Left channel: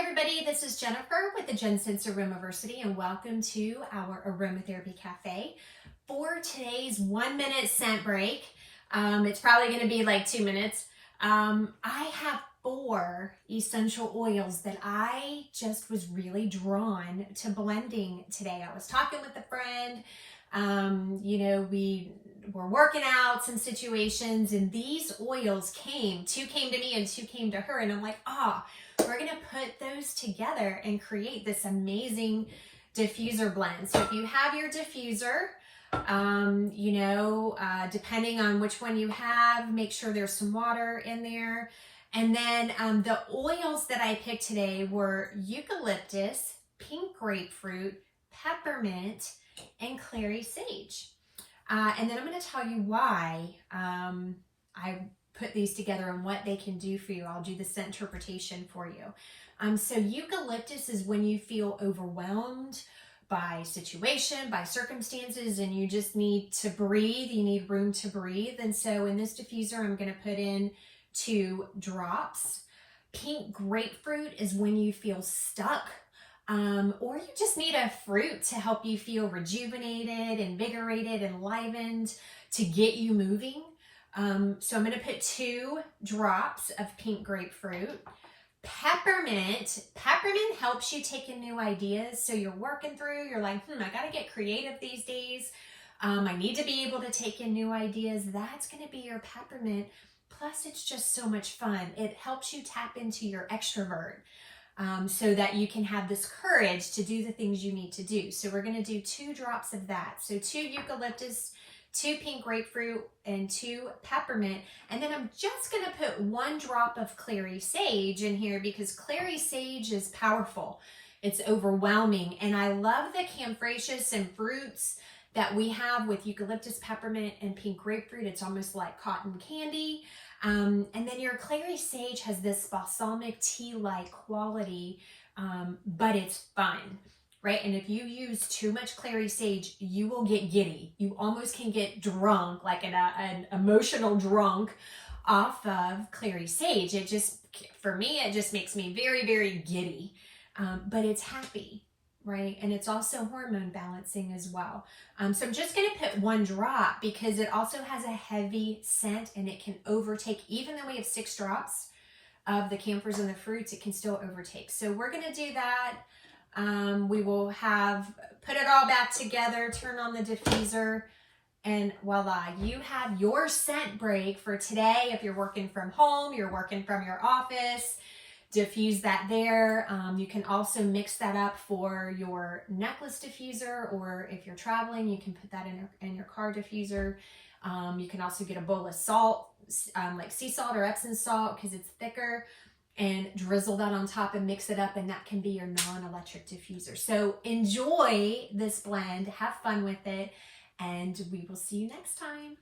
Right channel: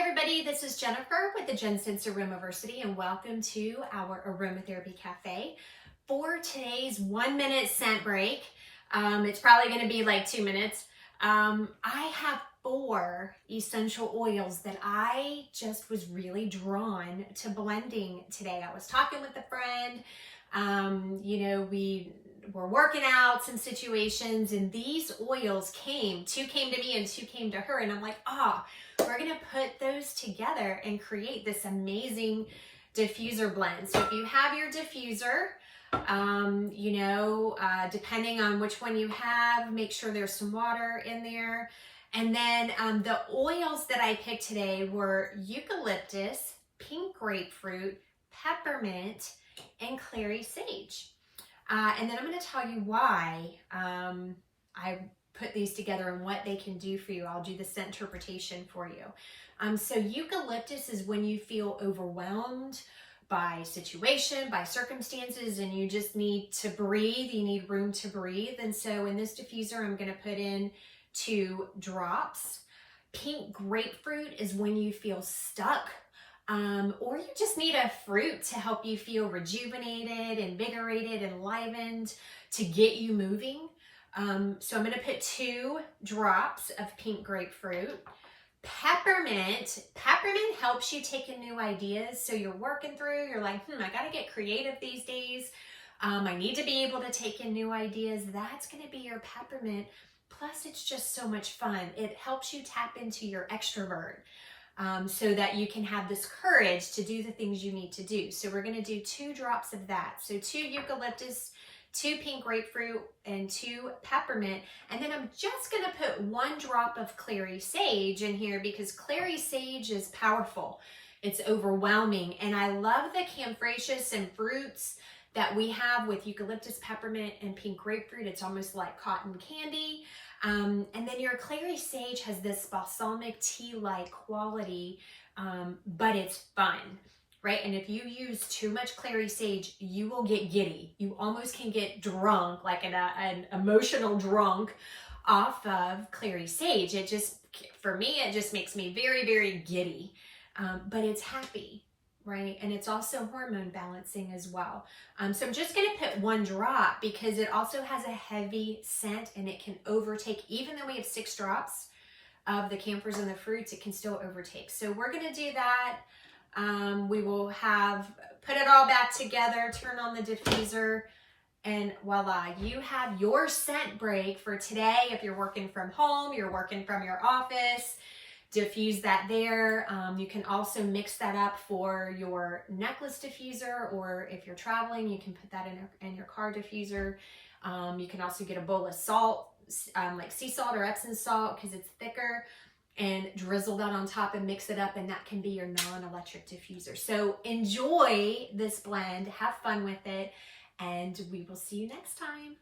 everybody, this is Jennifer with the JenSense Aromatherapy and welcome to our Aromatherapy Cafe for today's 1-minute scent break. It's probably going to be like 2 minutes. I have 4 essential oils that I just was really drawn to blending today. I was talking with a friend, we were working out some situations and these oils came. 2 came to me and 2 came to her, and I'm like, we're gonna put those together and create this amazing diffuser blend. So if you have your diffuser, depending on which one you have, make sure there's some water in there. And then the oils that I picked today were eucalyptus, pink grapefruit, peppermint, and clary sage. And then I'm going to tell you why I put these together and what they can do for you. I'll do the scent interpretation for you. So eucalyptus is when you feel overwhelmed by situation, by circumstances, and you just need to breathe. You need room to breathe. And so in this diffuser, I'm going to put in 2 drops. Pink grapefruit is when you feel stuck. Or you just need a fruit to help you feel rejuvenated, invigorated, enlivened, to get you moving. So I'm going to put 2 drops of pink grapefruit. Peppermint helps you take in new ideas. So you're working through, you're like, I got to get creative these days. I need to be able to take in new ideas. That's going to be your peppermint. Plus, it's just so much fun. It helps you tap into your extrovert. So that you can have this courage to do the things you need to do. So we're going to do 2 drops of that. So 2 eucalyptus, 2 pink grapefruit, and 2 peppermint. And then I'm just going to put 1 drop of clary sage in here because clary sage is powerful. It's overwhelming. And I love the camphracus and fruits that we have with eucalyptus, peppermint, and pink grapefruit. It's almost like cotton candy. And then your clary sage has this balsamic tea-like quality, but it's fun, right? And if you use too much clary sage, you will get giddy. You almost can get drunk, like an emotional drunk off of clary sage. It just, for me, it just makes me very, very giddy, but it's happy. Right? And it's also hormone balancing as well. So I'm just going to put 1 drop because it also has a heavy scent and it can overtake. Even though we have 6 drops of the camphors and the fruits, it can still overtake. So we're going to do that. We will put it all back together, turn on the diffuser, and voila, you have your scent break for today. If you're working from home, you're working from your office, diffuse that there. You can also mix that up for your necklace diffuser, or if you're traveling, you can put that in your car diffuser. You can also get a bowl of salt, like sea salt or Epsom salt because it's thicker, and drizzle that on top and mix it up, and that can be your non-electric diffuser. So enjoy this blend, have fun with it, and we will see you next time.